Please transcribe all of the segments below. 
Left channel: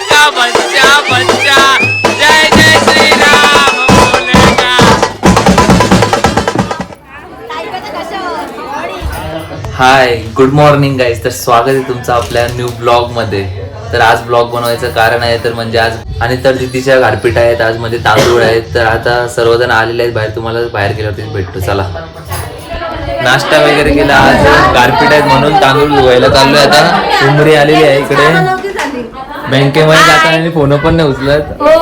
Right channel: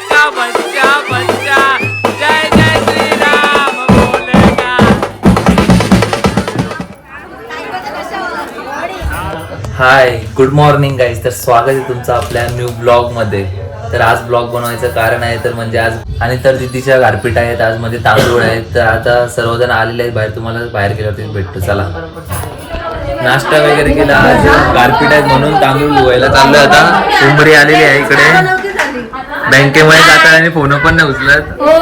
का बच्चा बच्चा। जय जय श्री राम बोलेगा हाय गुड मॉर्निंग गाईज तर स्वागत आहे तुमचं आपल्या न्यू ब्लॉगमध्ये. तर आज ब्लॉग बनवायचं कारण आहे तर म्हणजे आज आणि तर दिदीच्या गारपीट आहेत आज मध्ये तांदूळ आहेत. तर आता सर्वजण आलेले आहेत बाहेर तुम्हाला बाहेर गेल्यावरती भेटतो. चला. नाश्ता वगैरे केला आज गारपीट आहेत म्हणून तांदूळ धुवायला चाललोय आता. उमरी आलेली आहे इकडे. बँकेमध्ये जाताना आणि फोन पण नाही उचलत. हो.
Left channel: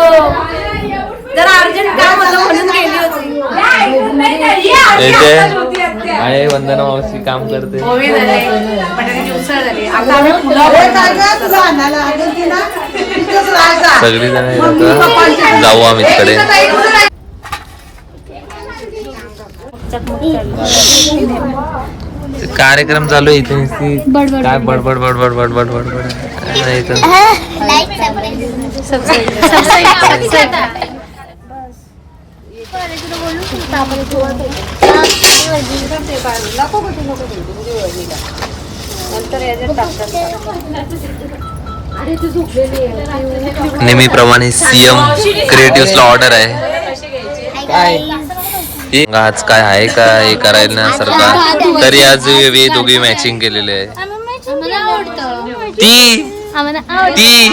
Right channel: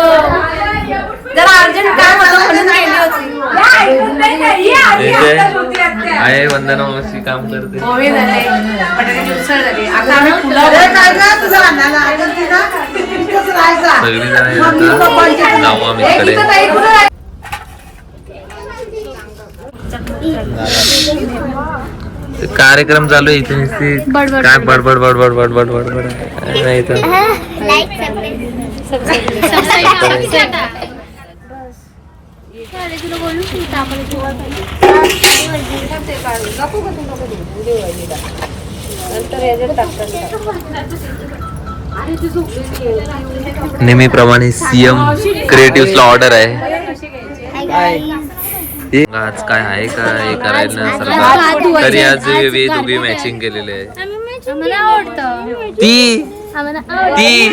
जरा अर्जंट काम होतं म्हणून गेली होती. आहे वंदना मावशी काम करते. पोहे झाले. बटाट्याची उसळ झाली. आता आम्ही पुलाव सगळी जण आता. जाऊ आम्ही तिकडे ते कार्यक्रम चालू आहे इथे काय बडबड. बडबड बडबड बडबड आहे. नाही इथं. नेहमीप्रमाणे सीएम क्रिएटिव्हला ऑर्डर आहे. आज काय आहे का हे करायला सारखा तरी आज वे दोघे मॅचिंग केलेले आहे. ती? ती?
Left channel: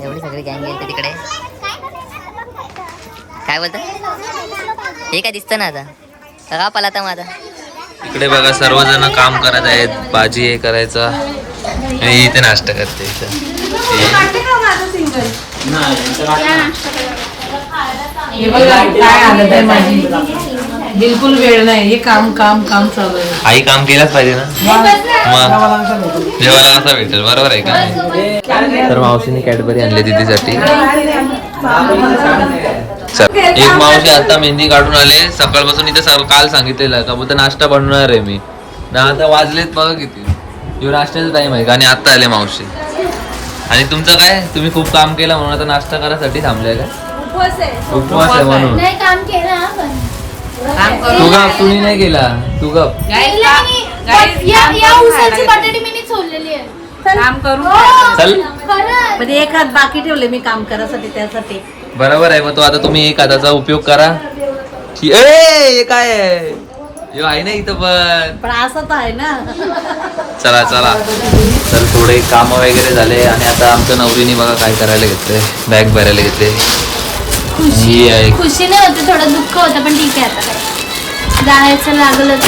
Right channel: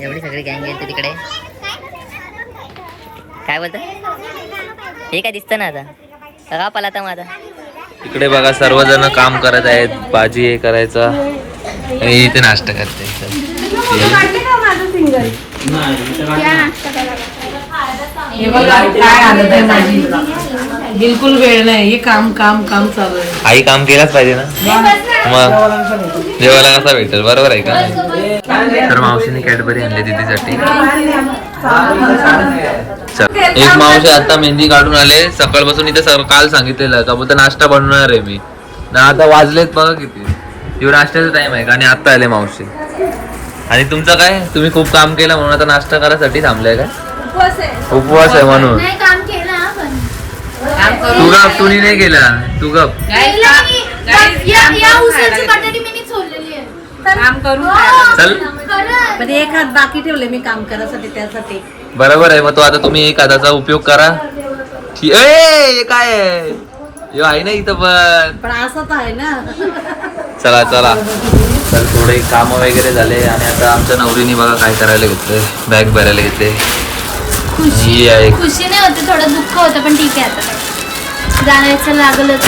एवढी सगळी गँग गेली तिकडे. काय बोलत? हे काय दिसतं ना आता? का पाला आता माझा. इकडे बघा सर्वजण काम करत आहेत. भाजी हे करायचा. इथे नाश्ता करते हे बिलकुल वेळ नाही. हे काम काम काम चालू आहे. आई काम केलाच पाहिजे ना? मग? जेवायला कसा भेटेल? बरोबर आहे का? तर मावशीने कॅडबरी आणली दिदीसाठी. एक मावशी आता मेहंदी काढून आले. सकाळपासून इथे काल सांगितलेलं का बोलता नाश्ता बनवणार आहे मी. ना आता वाजलेत बघा किती. एवढं नाश्त्याचा टाइम आहे का? आणि आता आले मावशी. आणि तुमचं काय? तुम्ही खूप काम केलं म्हणून आता नाश्ता करायसाठी थांबलाय का? उपवास आहे. म्हणून. नाही काम केलं ना आपण काम तू करू गप तुम्ही नाही केला. तू गप. काम- या या करून खायला चल. पण एक हात बाकी ठेवले मी काम करायसाठी त्यासाठी. बरोबर आहे मग तो आता तुम्ही एक हाताचा उपयोग करा. ए हे काय आहे? यो आहे ना इथं पण. पण असं तर आहे ना. चला चला. तर थोडे काम वगैरे झाले आणि आता आमच्या नवरीने बघा काय करायला घेतलंय बॅग भरायला घेतले. खुशी ही आहे. खुशी नाही होती थोडं दुःख होतं पण ठीक आहे आता काय जायचं लागलंच.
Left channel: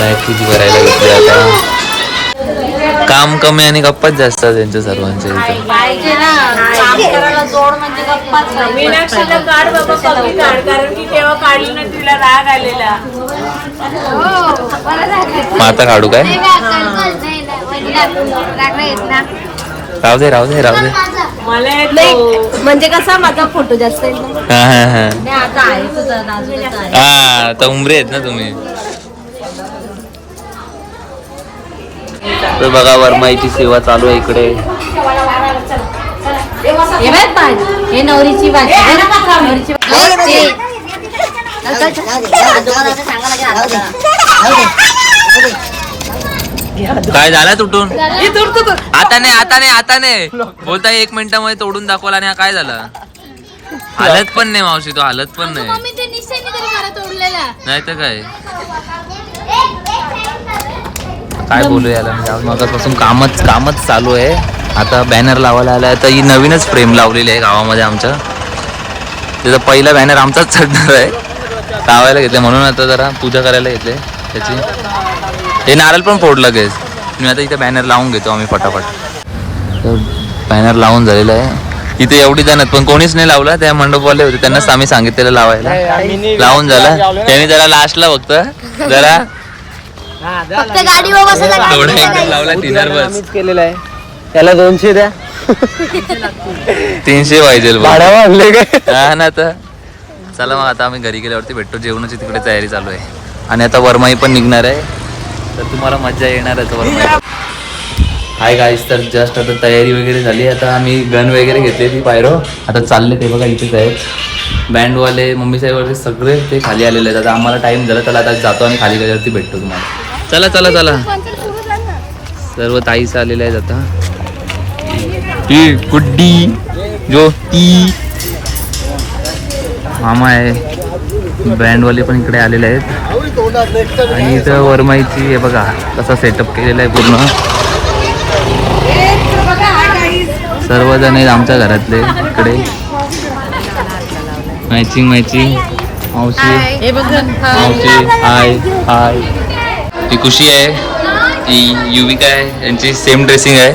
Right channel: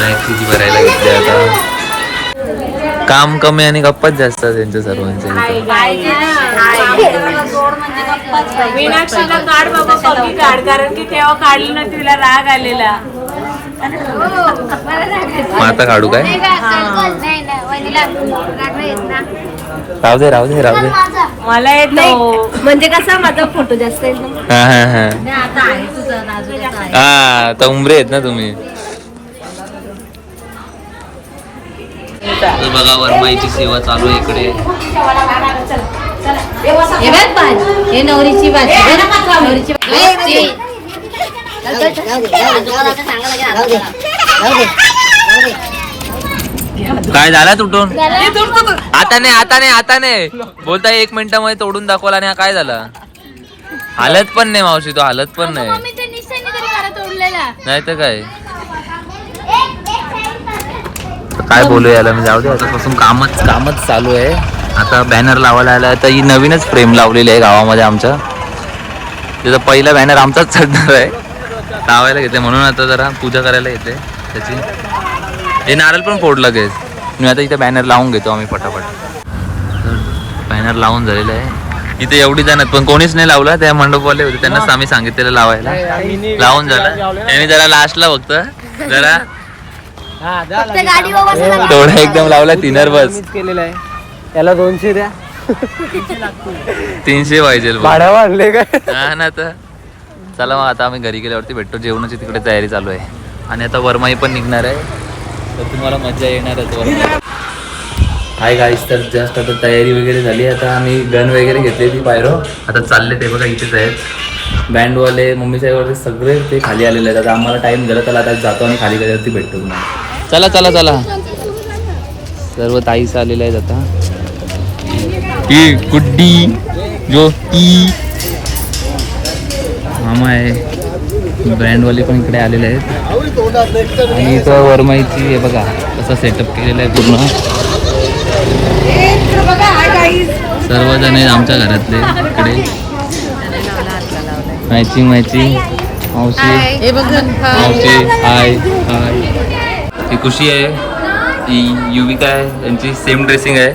बॅग किती भरायला घेतली आता? काम कमी आणि गप्पाच जास्त त्यांच्या सर्वांच्या इथं. पाहिजे ना. म्हणजे गप्पाच पाहिजे मीनाक्षीला काढ बाबा कमी काढ कारण की तेव्हा काढली ना तिला राग आलेला. मग आता काढू काय? राहू दे राहू दे राहू दे. मला येत. म्हणजे कसा माझा फोटो जास्त येईल ना हा हा हा. नाही आता आहे तुझं नाजूकच आहे. हा आता उमरे आहेत ना तुम्ही. तर बघा वरमाईची सेवा चालू आहे इकडे. हे बघ हे नवरीची नवरीची काय झाला तुटून? आता नाही आता नाही आता नाही. बोलता एक मिनिटामध्ये तोडून दाखवला आणि हा काय झाला? हालत पण नाही मावशी तो हालत पण नाही. नाही तर काय? काय बोलू याला म्हणजे आवडी मगापासून कामच कामच चालू आहे. आता बॅनर लावायला आला आहे तर ही नवीनच फ्रेम लावलेली आहे गावामध्ये आमच्या. त्याचा पहिला बॅनर आमचाच चढणार आहे. लावायला घेतले म्हणून आता जरा पूजा करायला घेतले त्याची. हे नारळ पण फोड लगेच. मी आता इथे बॅनर लावून घेतो आम्ही फटाफट तर बॅनर लावून झालेलं आहे. इथे एवढी जण आहेत पण कोणीच नाही लावला. त्या मंडपवाले होते. त्यांनाच आम्ही सांगितलेलं लावायला. लावून झाला. त्यांनी जरा लास्टला फक्त जरा थोडा एकदम लावला तिनर बस. केलेला आहे. त्याला दोनशे द्या. तीनशे पाहिजे हा ना तर. चला मग आता आम्ही घरी गेल्यावरती भेटतो. जेवणाची तिकडे तयारी चालू आहे. आणि आता वरमाई पण निघणार आहे. तर तुम्हाला मजा येणार आहे वरमाई हाय गाईस तर जस्ट आता तयारी वगैरे झाली. आता आम्ही गन वगैरे घेतली ती पायरो. आता चालले ते बघा इथेच आहेत. बँडवाले मम्मी साहेबवाले सगळे ते खाली आलेले आहेत. आता आम्हाला टाइम झाला त्याला आता जातो आणि खाली गेल्यावरती भेटतो तुम्हाला. चला चला चला. सर्व ताईस आलेले आहेत आता. ही गुड्डी जो ती. मामा आहे. बँडवाले पण इकडे आलेले आहेत. आणि इथं वरमाईची हे बघा कसा सेटअप केलेला आहे पूर्ण. सर्वजण आहेत आमच्या घरातले इकडे. मॅचिंग मॅचिंग मावशी. मावशी हाय हाय ती खुशी आहे. ती युविका आहे. यांची सेम ड्रेसिंग आहे.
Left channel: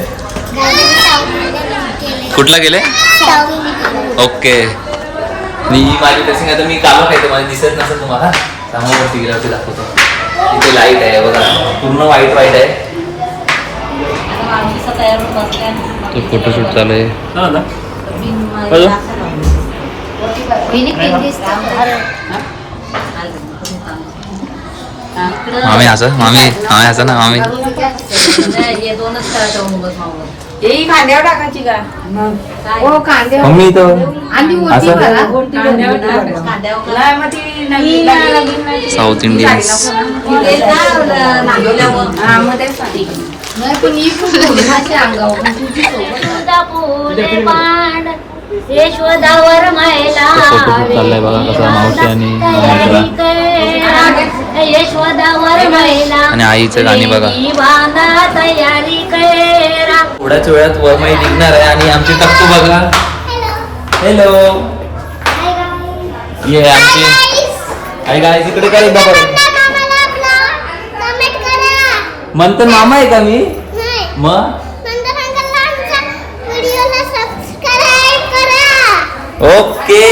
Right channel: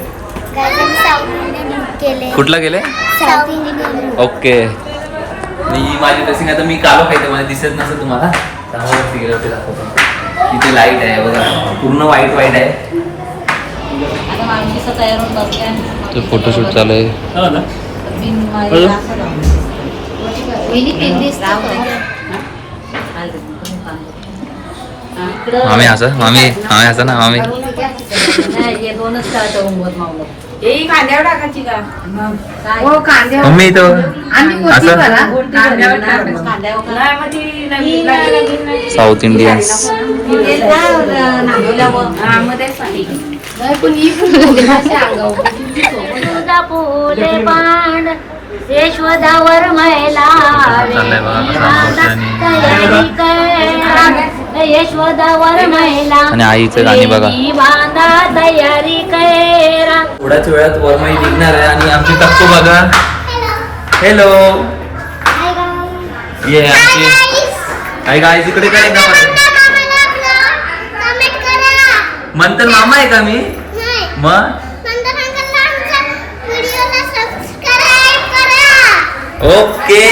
कुठला गेले? ओके. मी माझी ड्रेसिंग आता मी कालो खायचं मला दिसत नसेल तुम्हाला. त्यामुळे गेल्यावरती दाखवतो. इथे लाइट आहे बघा. पूर्ण व्हाईट व्हाईट आहे. तो फोटोशूट चालू आहे. मामी असं? मामी? मामी असं ना मामी? हो मम्मी तो आणि असं? साऊथ इंडियन्स यशोदावर महिला फोटोशूट चाललाय बघा कसा मावशी आणि मम्मीचा. यशोदावर महिला आणि आईचं गाणी बघा. बांधा तयारी कैरा. थोड्याच वेळात वरमाई निघणार आहे आणि आमची टक्कू बघा. हॅलो ये आमची आई गाय तिकडे काय एकदा बरं? मंथन मामा आहे का मी? मग ओके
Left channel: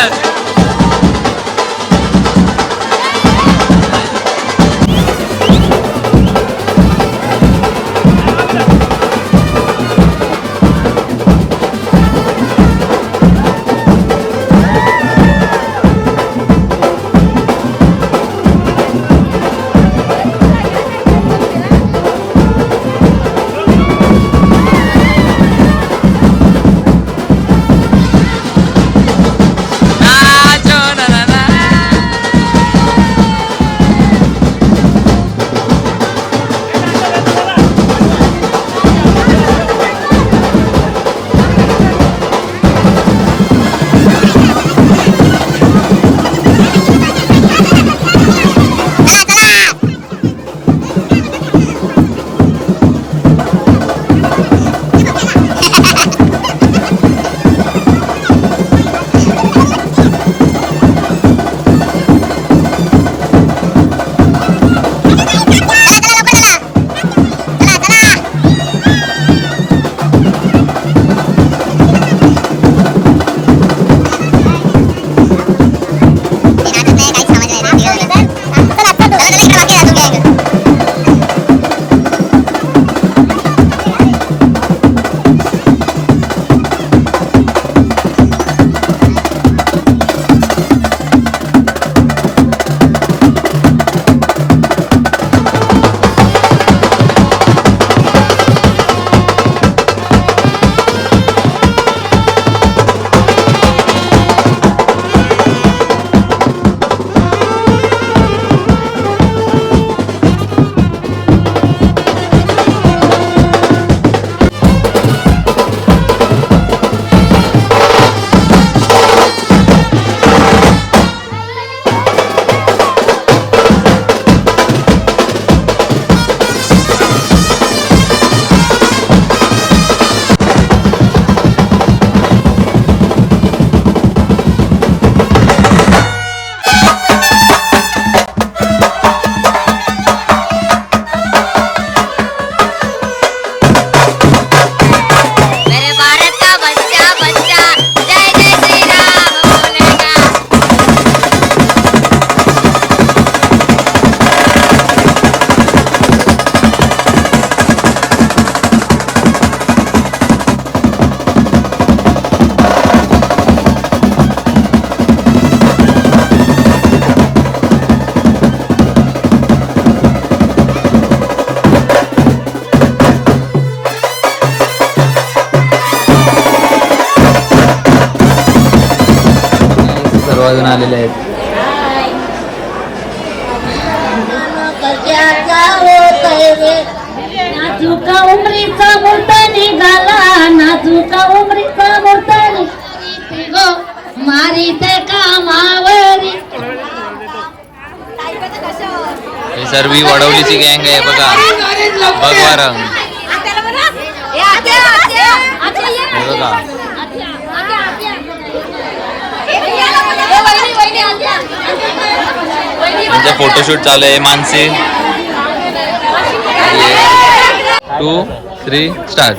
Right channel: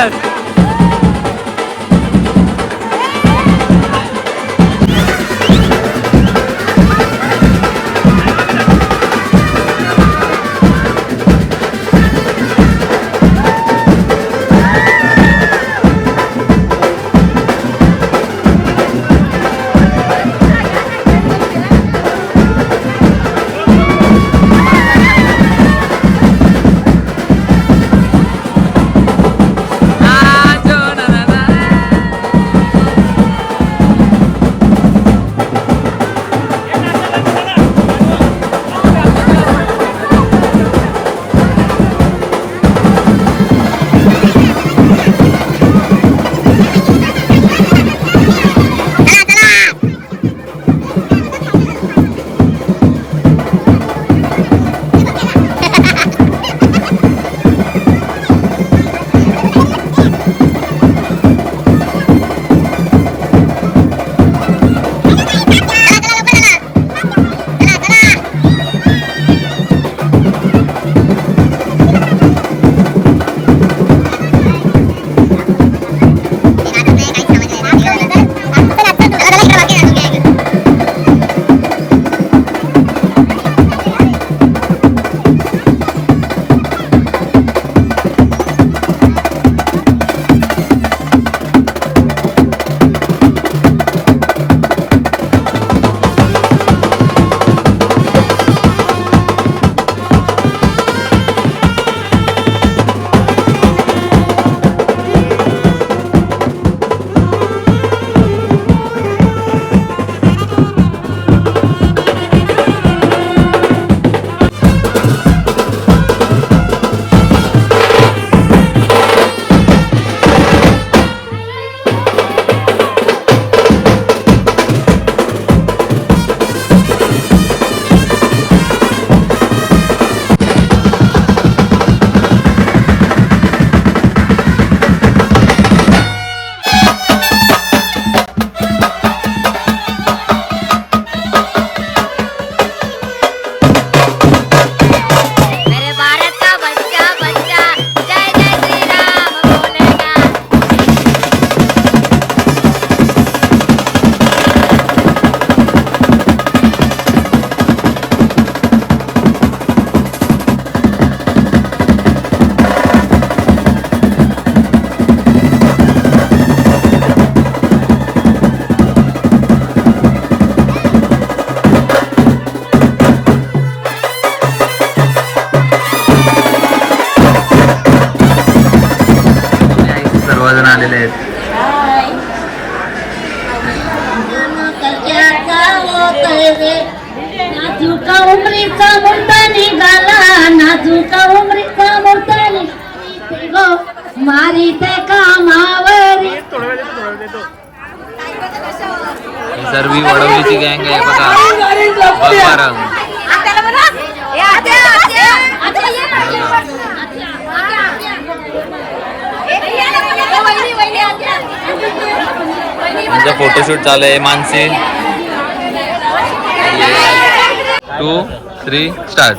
Yes! ही सर्व वडवलीची गँग आहे बघा. भगवा रंग त्यांचा फोटोशूट चालू आहे मानसी. टू थ्री स्टार्ट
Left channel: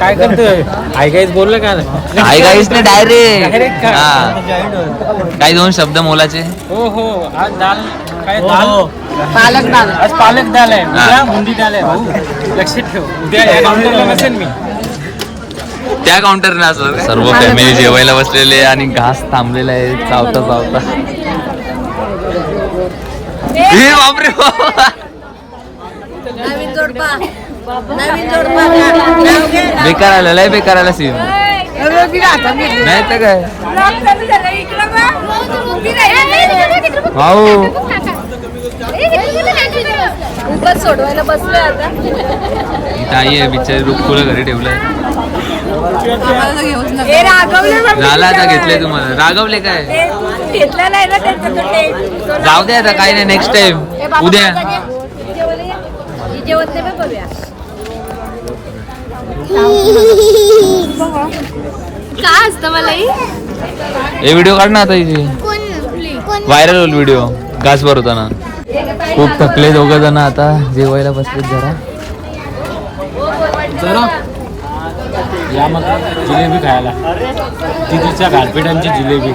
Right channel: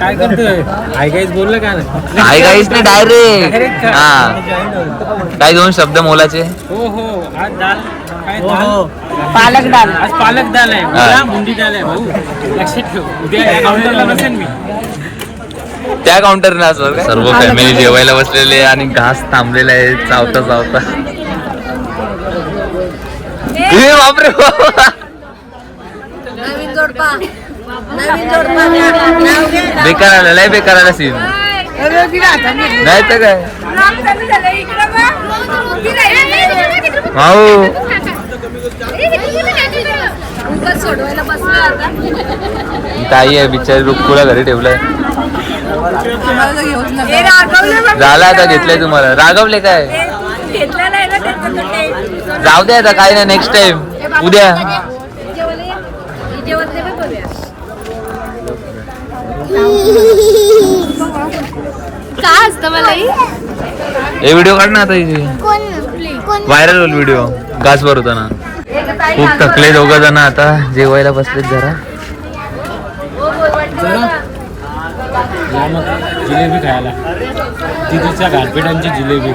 काय करतोय? आई काहीच बोललं का? नाही काय काहीच नाही डायरेक्ट काय? हा. दोन शब्द मोलाचे? हो हो. आज दाल. काय दाल? पालक दाल. आज पालक दाल आहे. हा. उद्या बुंदी दाल आहे भाऊ. लक्षात ठेव. उद्या काउंटरला नसेल मी. त्या काउंटर असं सर्व फॅमिली जेवायला बसलेले आणि घास थांबलेला आहे. चावता चावता. बापरे बाप. नवीन जोडपा नवीन जोडपा नाव घे बेकार आला लय बेकार आला सीन नाही तर काय? आता. ताई आहे बिचारी रुक्कुला घरी ठेवलंय? झालं आता घेतलंय तुम्हाला. रागवले काय? जाऊ दे आता काही नाही नेक्स्ट टाइम उद्या. असतं मला हे? व्हिडिओ काढ ना आता इथे व्हायरल होईल व्हिडिओ घास भरवताना. खूप थकले दोघ जण आता. जेवायला बसलेत जरा. जरा. या मग जिलेबी खायला. तिथीच्या घाटपेटांची जिलेबी.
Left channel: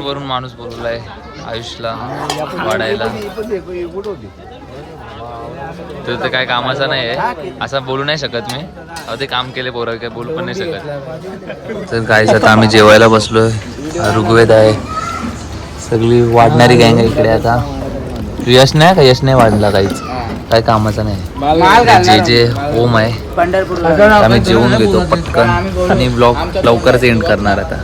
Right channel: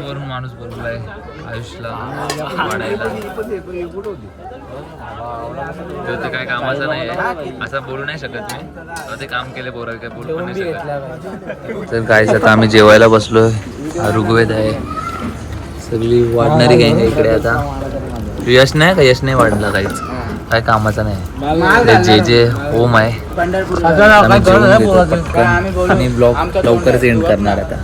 वरून माणूस बोलवलाय आयुषला वाढायला. तो ते काय कामाचा नाही आहे. असं बोलू नाही शकत मी. ते काम केले पोरं काय बोलू पण नाही शकत. तर काय आता आम्ही जेवायला बसलो हा ऋग्वेद आहे. सगळी वाढणारी गँग इकडे आता. यश नाही का? यश नाही वाढला काहीच काय कामाचा नाही. जे जे होम आहे आम्ही जेवून घेतो पटकन. आणि ब्लॉग लवकरच एंड करणार आता.